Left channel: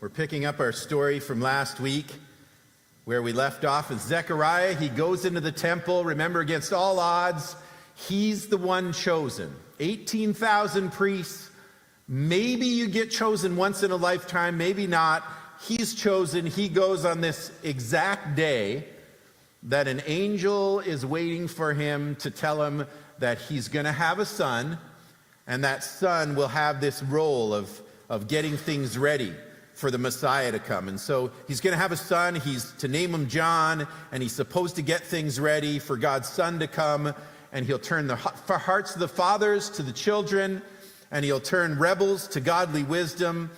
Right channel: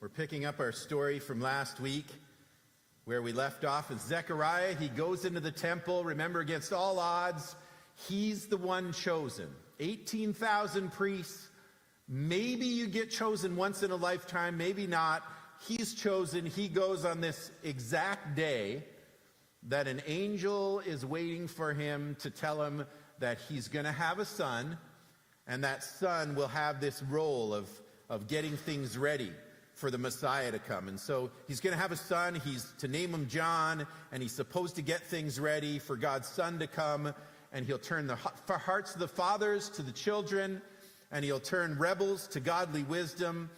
We're picking up our story from last week where we left off with Zechariah. He goes into the temple. Remember, against all odds, he's the one chosen. 18,000 priests. Maybe you get chosen once in a lifetime, maybe not. He's chosen. He goes on this exact day that an angel is waiting for him to tell him that he's going to have a son, and that son will have this role of getting things ready for the Messiah to come. And so he's going to have a son. He's to name him John, and he's supposed to get things ready for God's son to come, and he'll turn the hearts of the fathers to the children, and he'll turn rebels to godly wisdom,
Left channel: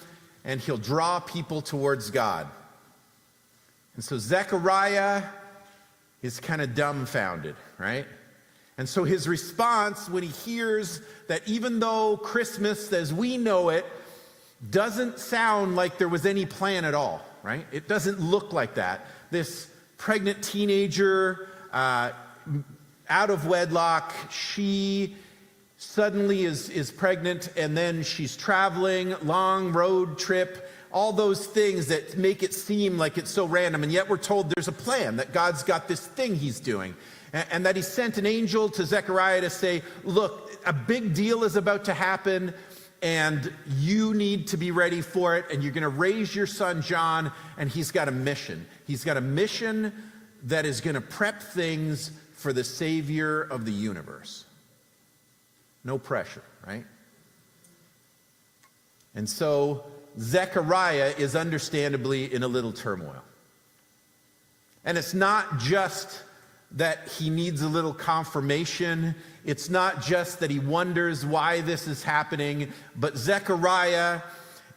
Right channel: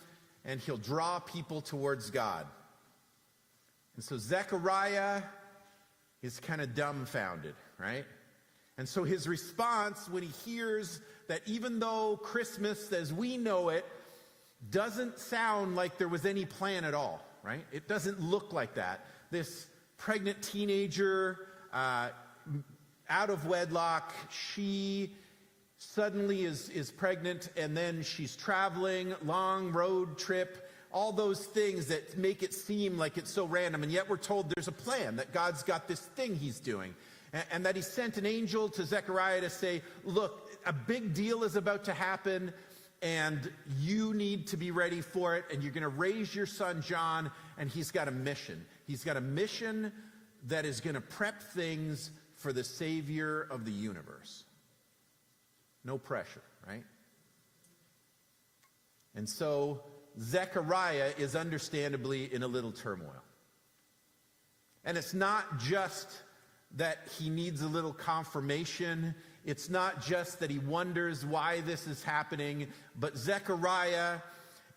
and he'll draw people towards God. And so Zechariah is kind of dumbfounded, right? And so his response when he hears that even though Christmas as we know it doesn't sound like there was any plan at all, right? It doesn't look like that. This pregnant teenager, out of wedlock, she suddenly is pregnant, and then she's traveling, long road trip, all those things that make it seem like it's so random, and yet we're told there's a plan, that God's got this thing he's doing, and that he sent an angel to Zechariah to say, look, a big deal is about to happen, and you need to be ready for it, and you're going to raise your son John, and he's got a mission. He's got a mission that is going to prep things for the Savior of the universe. No pressure, right? And so Zechariah is understandably in a little turmoil. And it's not just that he needs a little confirmation. It's not just that he wonders why this is happening, but Zechariah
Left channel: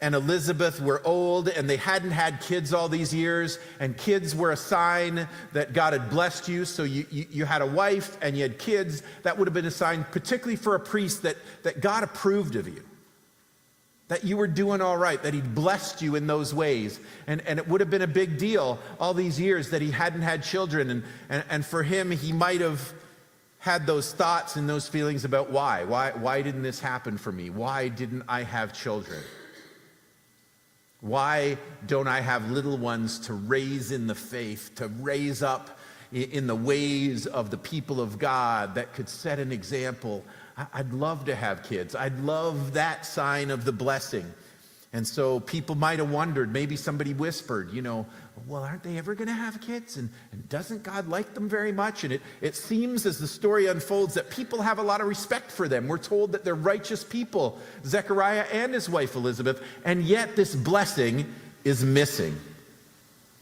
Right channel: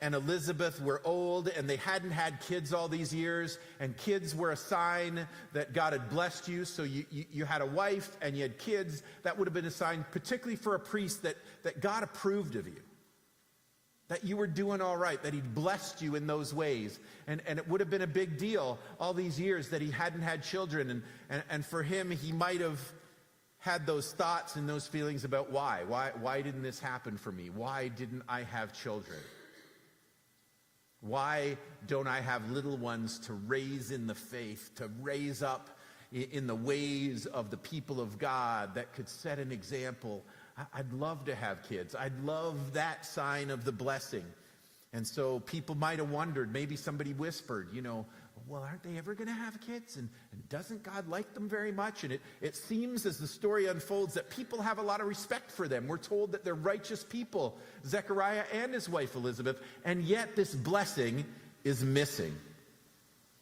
and Elizabeth were old, and they hadn't had kids all these years, and kids were a sign that God had blessed you. So you had a wife and you had kids. That would have been a sign, particularly for a priest, that God approved of you, that you were doing all right, that he'd blessed you in those ways. And it would have been a big deal all these years that he hadn't had children. And for him, he might have had those thoughts and those feelings about why didn't this happen for me? Why didn't I have children? Why don't I have little ones to raise in the faith, to raise up in the ways of the people of God that could set an example? I'd love to have kids. I'd love that sign of the blessing. And so people might have wondered, maybe somebody whispered, well, aren't they ever going to have kids? And doesn't God like them very much? And it seems as the story unfolds that people have a lot of respect for them. We're told that they're righteous people, Zechariah and his wife Elizabeth, and yet this blessing is missing.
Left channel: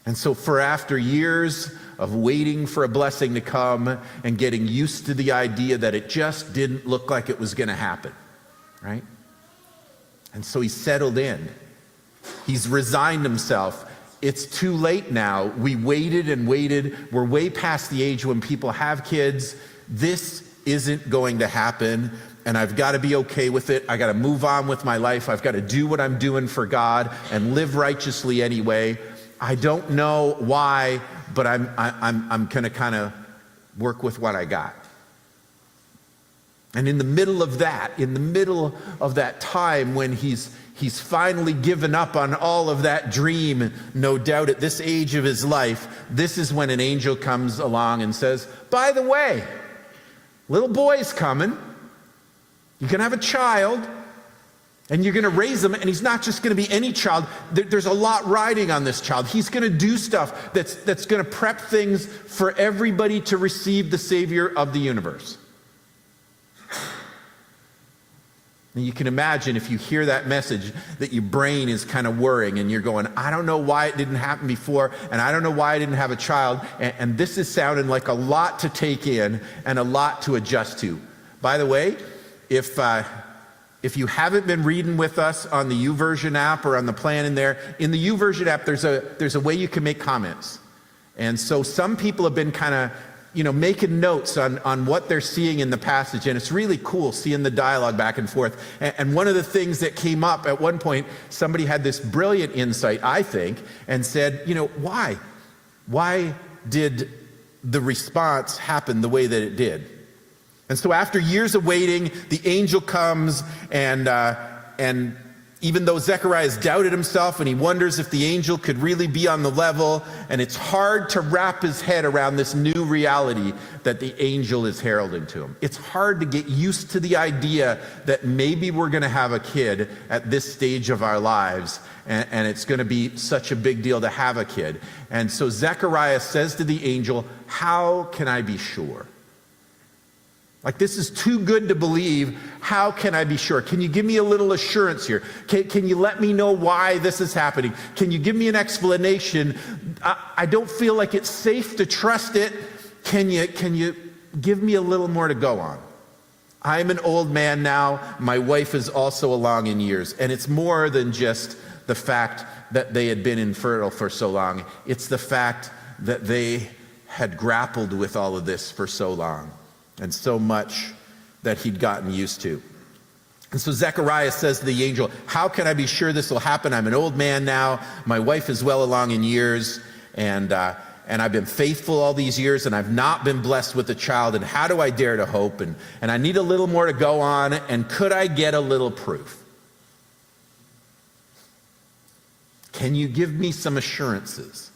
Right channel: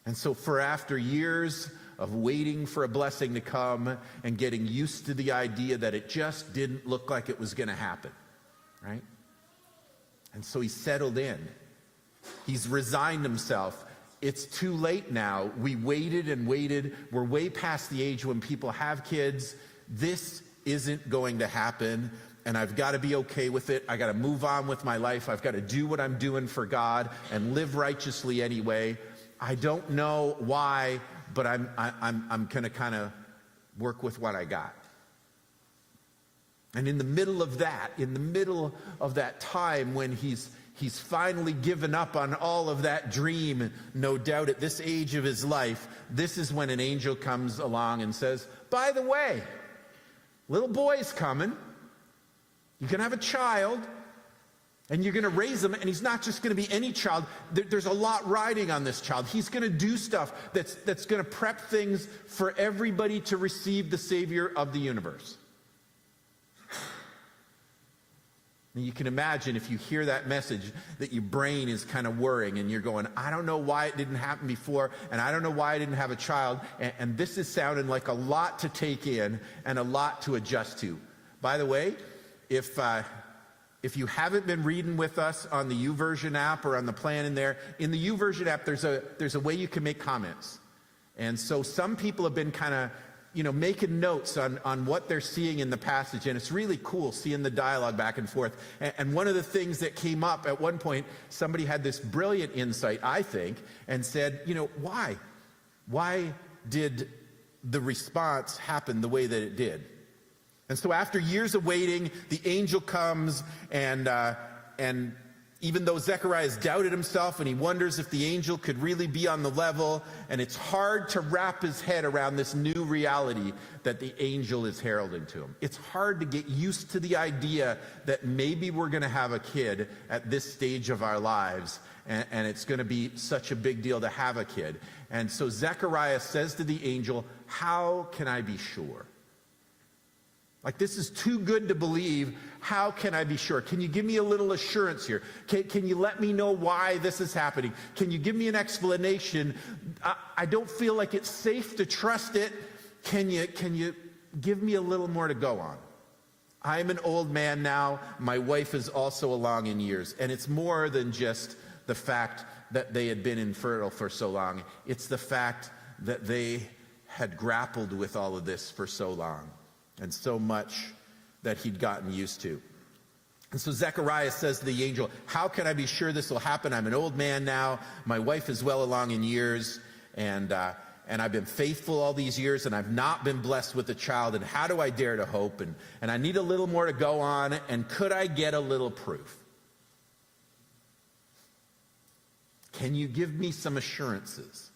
And so after years of waiting for a blessing to come and getting used to the idea that it just didn't look like it was going to happen, right? And so he's settled in. He's resigned himself. It's too late now. We waited and waited. We're way past the age when people have kids. This isn't going to happen, and I've got to be okay with it. I got to move on with my life. I've got to do what I'm doing for God and live righteously anyway. I don't know why, but I'm going to kind of work with what I got. And in the middle of that time when he's finally given up on all of that dream, no doubt at this age of his life, this is when an angel comes along and says, by the way, little boy's coming. You can have a child, and you're going to raise him, and he's not just going to be any child. There's a lot riding on this child. He's going to do stuff that's going to prep things for everybody to receive the Savior of the universe. And you can imagine if you hear that message that your brain is kind of worrying and you're going, I don't know why it didn't happen before, and I don't know why I didn't have a child, and this is sounding like a lot to take in and a lot to adjust to. By the way, if you haven't been reading with us on the YouVersion app or on the plan in there, in the YouVersion app there's a way you can make comments. And so some people have been kind of making notes on what they're seeing in the passage, and it's really cool seeing the dialogue back and forth. And one of the things that came up at one point, somebody had this brilliant insight, I think, and said, why? Why did the response happen the way that it did? And so after years of waiting, the angel comes and Even though Zechariah has doubted himself and he wonders if the angel could really be on the level, and it's hard to wrap his head around this new reality that the angel is heralding to him. It's hard to get used to the idea that maybe we're going to have a kid at this stage of our lives, and it's going to be such a big deal to have a kid. And so Zechariah says to the angel, "How can I be sure? Like, this is too good to believe. How can I be sure? Can you give me a little assurance here? Can you let me know why this is happening? Can you give me an explanation? I don't feel like it's safe to trust it. Can you give me a little more to go on? I'm an old man now. My wife is also along in years. And it's more than just the fact that they had been infertile for so long. It's the fact that they had grappled with all of this for so long, and so much that he'd gotten used to." And so Zechariah says to the angel, "How can I be sure this will happen? I'm an old man now. My wife is well along in years, and I've been faithful all these years, and I've not been blessed with a child. And how do I dare to hope? And I need a little more to go on. And could I get a little proof? Can you give me some assurances?"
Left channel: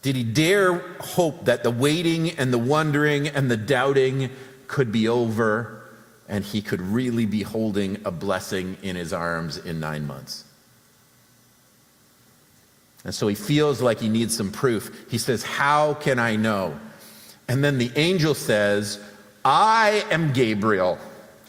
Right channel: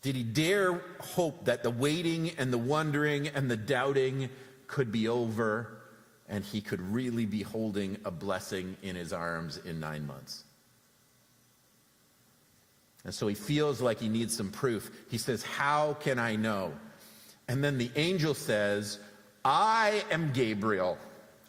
Did he dare hope that the waiting and the wondering and the doubting could be over, and he could really be holding a blessing in his arms in 9 months? And so he feels like he needs some proof. He says, "How can I know?" And then the angel says, "I am Gabriel.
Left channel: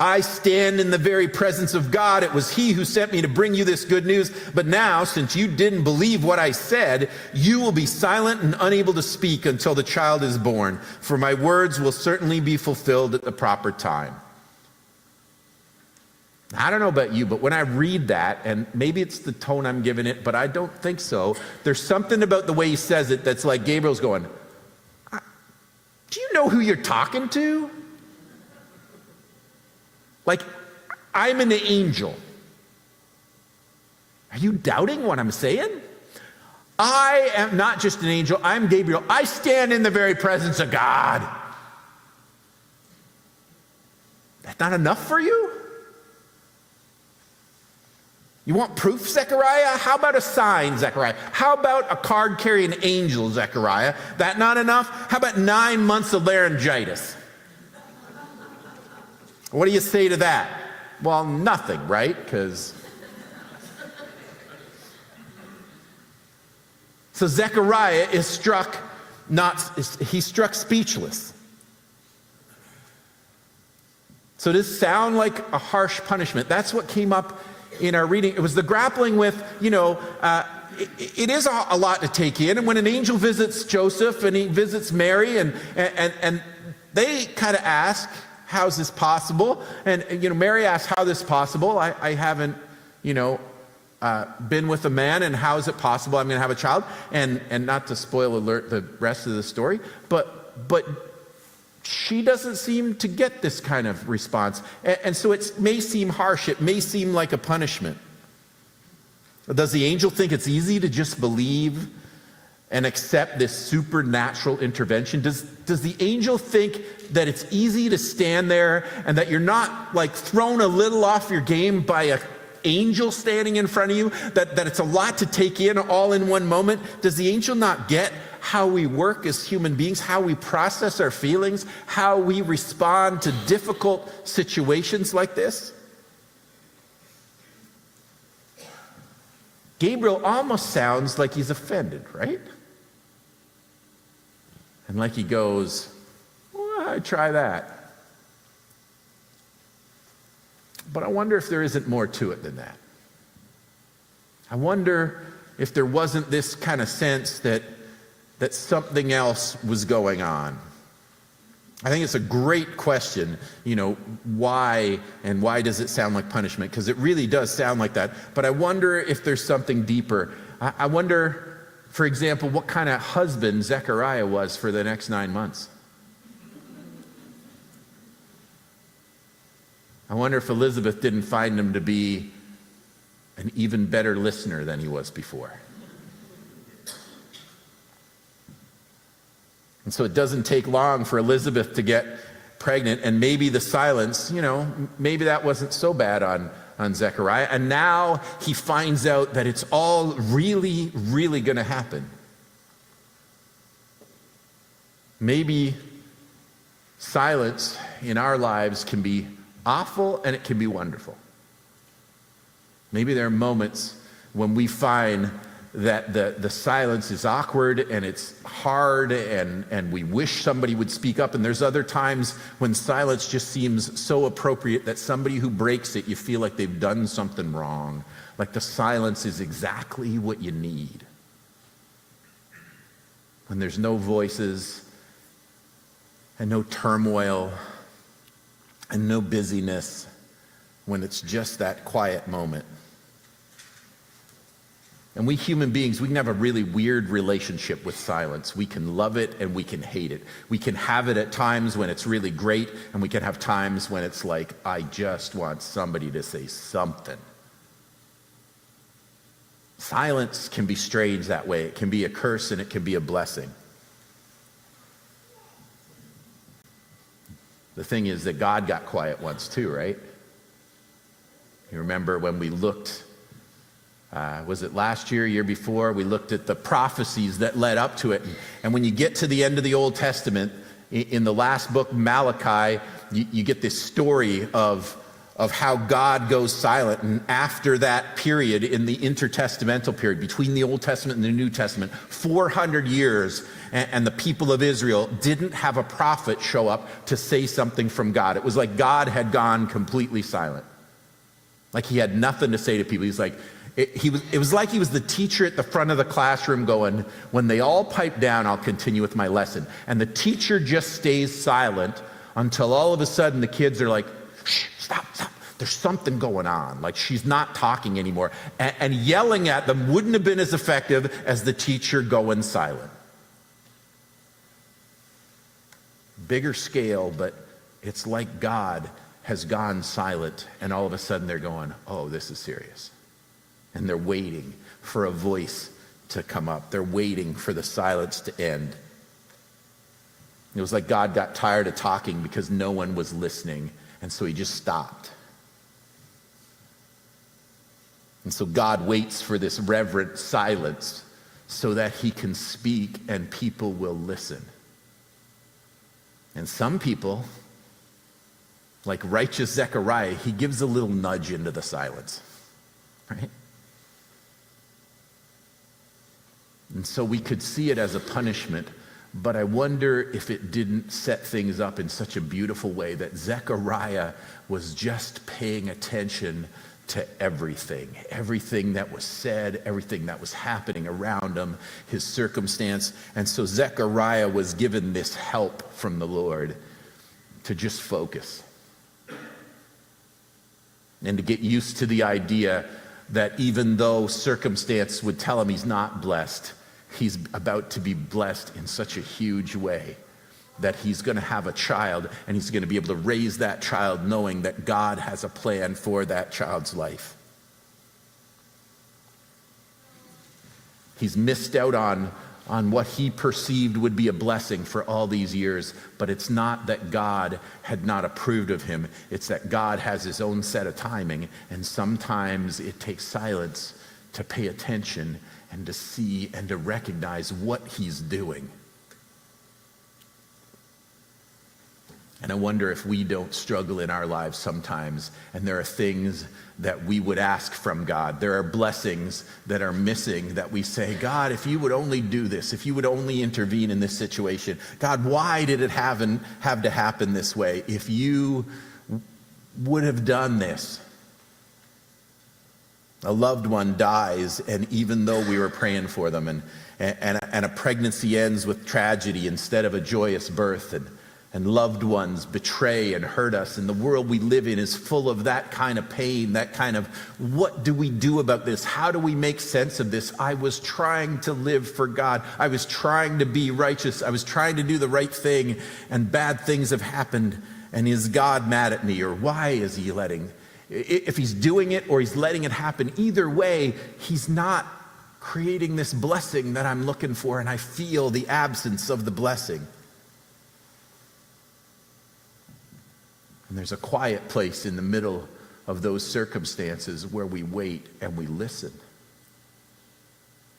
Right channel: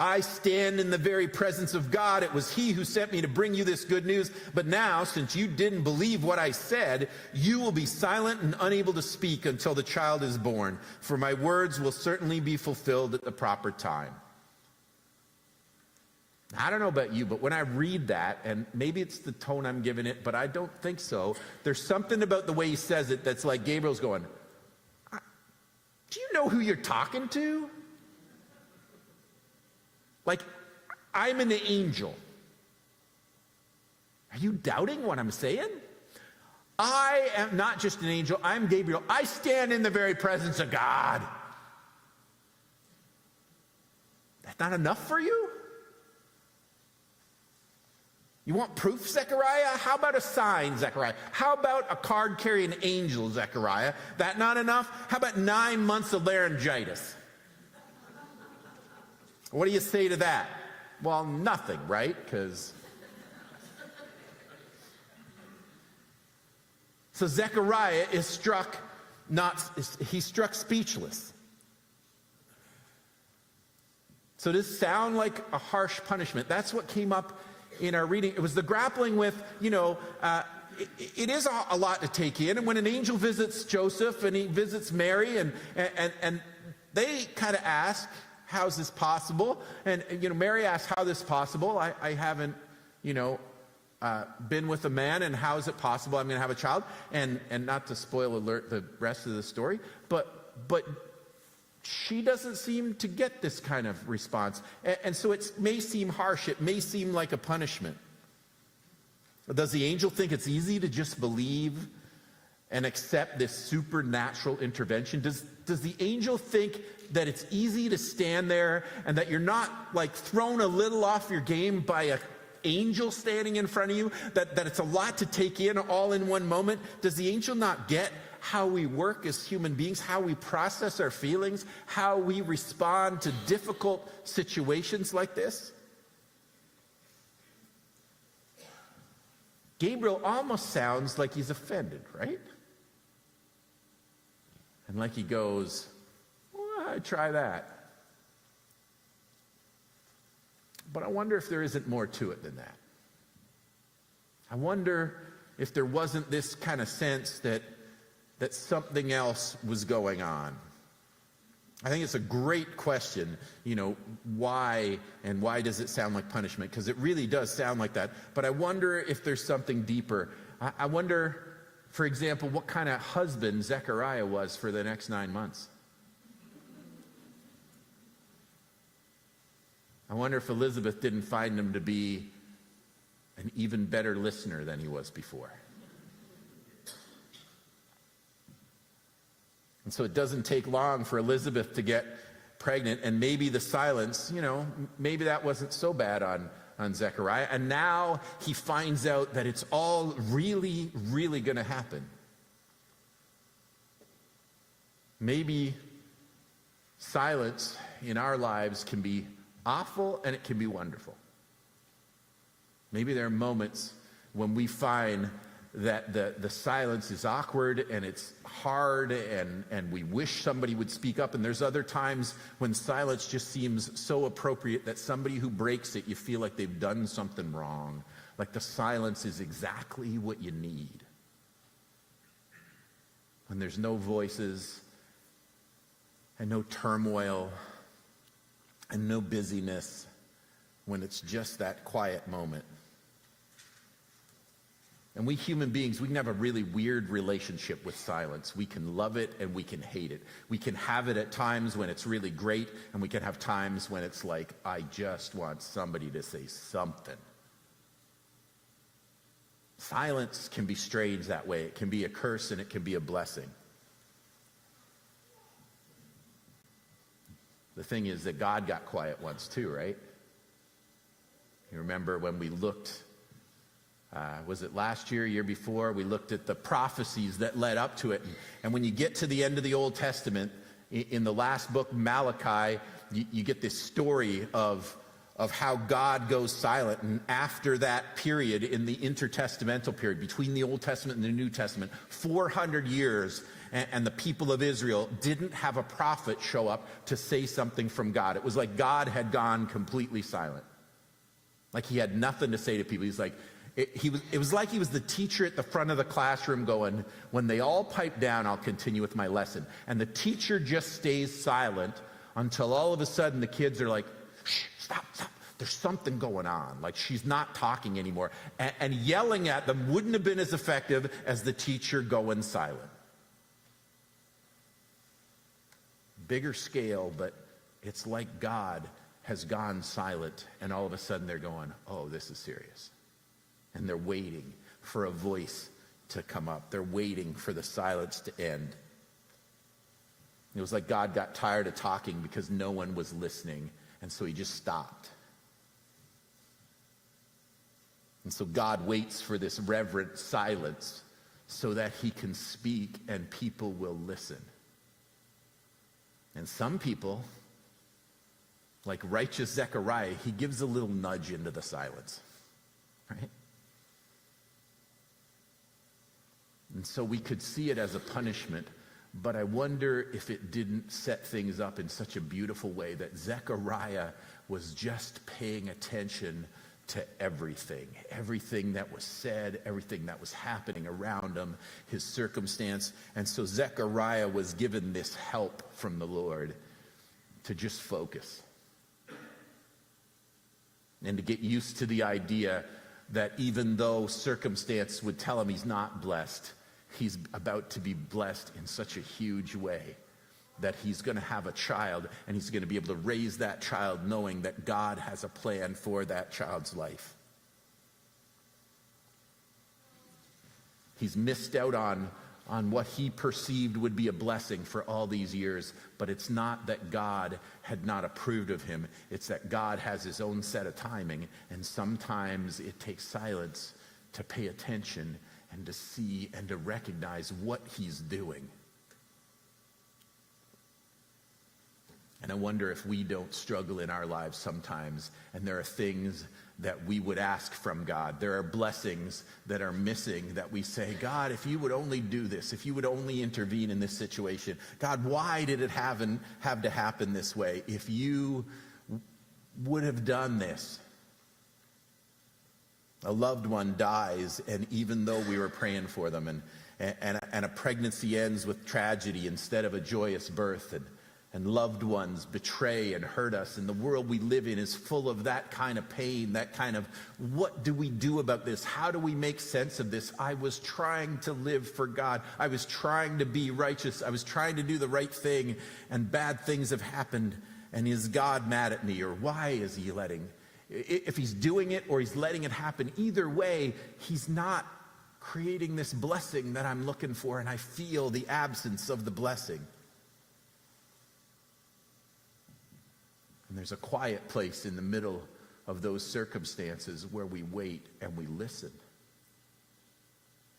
I stand in the very presence of God. It was he who sent me to bring you this good news. But now, since you didn't believe what I said, you will be silent and unable to speak until the child is born. For my words will certainly be fulfilled at the proper time." I don't know about you, but when I read that, and maybe it's the tone I'm giving it, but I don't think so. There's something about the way he says it that's like Gabriel's going, "Do you know who you're talking to? Like, I'm an angel. Are you doubting what I'm saying? I am not just an angel, I'm Gabriel. I stand in the very presence of God." That's not enough for you? You want proof, Zechariah? How about a sign, Zechariah? How about a card-carrying angel, Zechariah? That not enough? How about 9 months of laryngitis? What do you say to that? Well, nothing, right? So Zechariah is struck speechless. So does this sound like a harsh punishment? That's what came up in our reading. It was the grappling with, it is a lot to take in. And when an angel visits Joseph and he visits Mary, and they kind of ask, "How's this possible?" And Mary asks, "How is this possible? I haven't, been with a man, and how is it possible I'm going to have a child?" And not to spoil alert the rest of the story, but she doesn't seem to get this kind of response. And so it may seem harsh. It may seem like a punishment. Does the angel think it's easy to just believe and accept this supernatural intervention? Does the angel think that it's easy to stand there and that you're not like thrown a little off your game by an angel standing in front of you, that it's a lot to take in all in one moment? Does the angel not get how we work as human beings, how we process our feelings, how we respond to difficult situations like this? Gabriel almost sounds like he's offended, right? And like he goes, "Well, I'd try that." But I wonder if there isn't more to it than that. I wonder if there wasn't this kind of sense that something else was going on. I think it's a great question, why does it sound like punishment? Because it really does sound like that. But I wonder if there's something deeper. I wonder, for example, what kind of husband Zechariah was for the next 9 months. I wonder if Elizabeth didn't find him to be an even better listener than he was before. And so it doesn't take long for Elizabeth to get pregnant, and maybe the silence, maybe that wasn't so bad on on Zechariah, and now he finds out that it's all really, really going to happen. Maybe silence in our lives can be awful and it can be wonderful. Maybe there are moments when we find that the silence is awkward and it's hard and we wish somebody would speak up, and there's other times when silence just seems so appropriate that somebody who breaks it, you feel like they've done something wrong, like the silence is exactly what you need. When there's no voices and no turmoil and no busyness, when it's just that quiet moment. And we human beings, we can have a really weird relationship with silence. We can love it and we can hate it. We can have it at times when it's really great, and we can have times when it's like, I just want somebody to say something. Silence can be strange that way. It can be a curse and it can be a blessing. The thing is that God got quiet once too, right? You remember when we looked, was it last year, year before, we looked at the prophecies that led up to it. And when you get to the end of the Old Testament, in the last book, Malachi, you get this story of how God goes silent. And after that period, in the intertestamental period, between the Old Testament and the New Testament, 400 years, and the people of Israel didn't have a prophet show up to say something from God. It was like God had gone completely silent. Like he had nothing to say to people. He's like, it was like he was the teacher at the front of the classroom going, when they all pipe down, I'll continue with my lesson. And the teacher just stays silent until all of a sudden the kids are like, shh, stop. There's something going on. Like she's not talking anymore. And yelling at them wouldn't have been as effective as the teacher going silent. Bigger scale, but it's like God has gone silent, and all of a sudden they're going, oh, this is serious. And they're waiting for a voice to come up. They're waiting for the silence to end. It was like God got tired of talking because no one was listening, and so he just stopped. And so God waits for this reverent silence so that he can speak and people will listen. And some people, like righteous Zechariah, he gives a little nudge into the silence, right? And so we could see it as a punishment, but I wonder if it didn't set things up in such a beautiful way that Zechariah was just paying attention to everything that was said, everything that was happening around him, his circumstance. And so Zechariah was given this help from the Lord to just focus and to get used to the idea that even though circumstance would tell him he's not blessed, he's about to be blessed in such a huge way that he's going to have a child, and he's going to be able to raise that child knowing that God has a plan for that child's life. He's missed out on what he perceived would be a blessing for all these years, but it's not that God had not approved of him. It's that God has his own set of timing, and sometimes it takes silence to pay attention and to see and to recognize what he's doing. And I wonder if we don't struggle in our lives sometimes, and there are things that we would ask from God. There are blessings that are missing that we say, God, if you would only do this, if you would only intervene in this situation. God, why did it have to happen this way? If you would have done this. A loved one dies, and even though we were praying for them, and a pregnancy ends with tragedy instead of a joyous birth, and loved ones betray and hurt us, and the world we live in is full of that kind of pain, that kind of, what do we do about this? How do we make sense of this? I was trying to live for God. I was trying to be righteous. I was trying to do the right thing, and bad things have happened. And is God mad at me? Or why is he letting? If he's doing it or he's letting it happen, either way, he's not creating this blessing that I'm looking for, and I feel the absence of the blessing. And there's a quiet place in the middle of those circumstances where we wait and we listen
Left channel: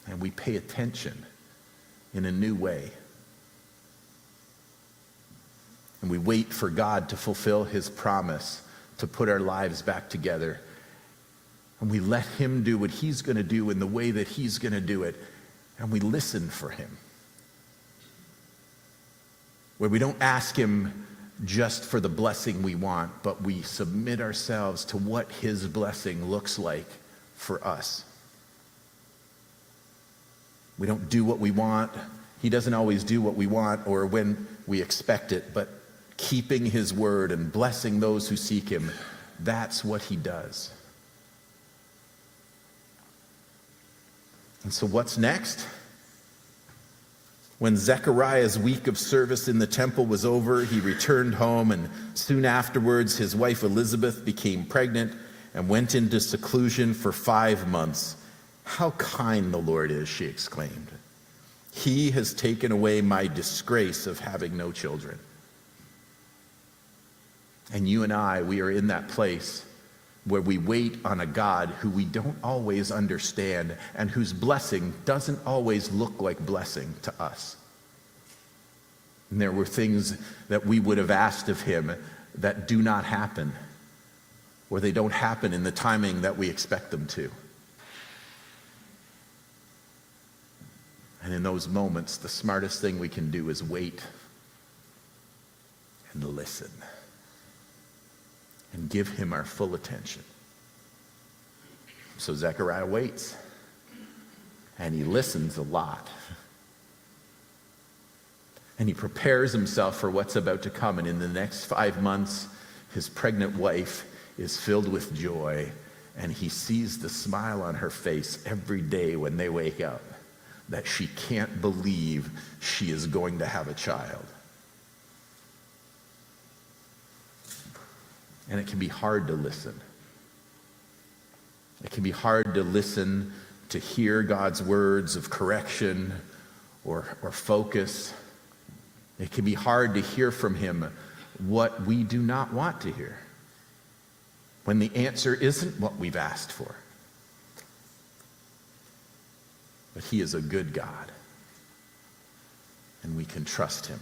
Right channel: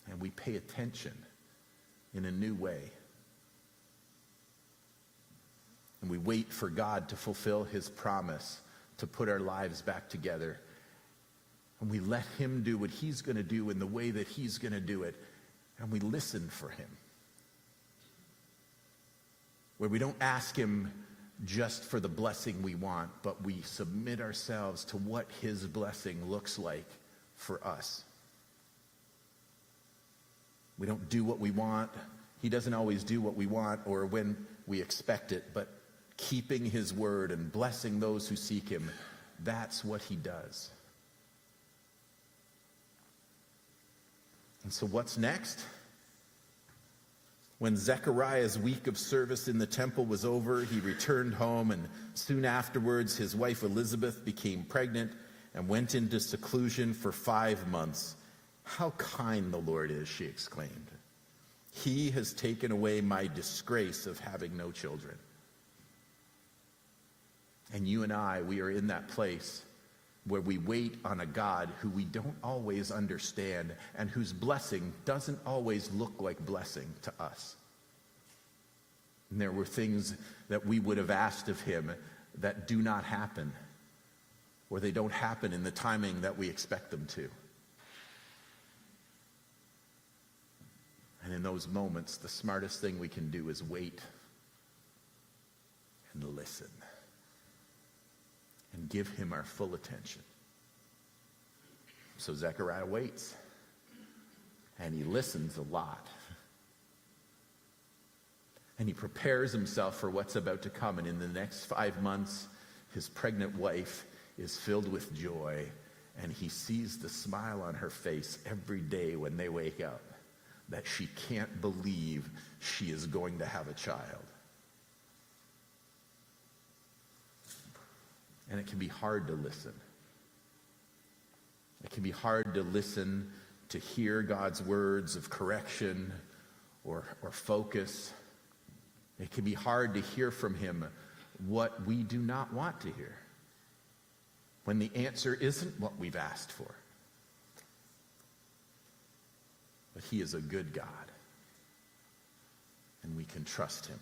and we pay attention in a new way. And we wait for God to fulfill his promise to put our lives back together. And we let him do what he's going to do in the way that he's going to do it. And we listen for him. Where we don't ask him just for the blessing we want, but we submit ourselves to what his blessing looks like for us. We don't do what we want. He doesn't always do what we want or when we expect it, but keeping his word and blessing those who seek him, that's what he does. And so what's next? When Zechariah's week of service in the temple was over, he returned home, and soon afterwards his wife Elizabeth became pregnant and went into seclusion for 5 months. "How kind the Lord is," she exclaimed. "He has taken away my disgrace of having no children." And you and I, we are in that place where we wait on a God who we don't always understand and whose blessing doesn't always look like blessing to us. And there were things that we would have asked of him that do not happen, or they don't happen in the timing that we expect them to. And in those moments, the smartest thing we can do is wait and listen and give him our full attention. So Zechariah waits, and he listens a lot. And he prepares himself for what's about to come. And in the next 5 months, his pregnant wife is filled with joy, and he sees the smile on her face every day when they wake up, that she can't believe she is going to have a child. And it can be hard to listen. It can be hard to listen, to hear God's words of correction or focus. It can be hard to hear from him what we do not want to hear, when the answer isn't what we've asked for. But he is a good God, and we can trust him.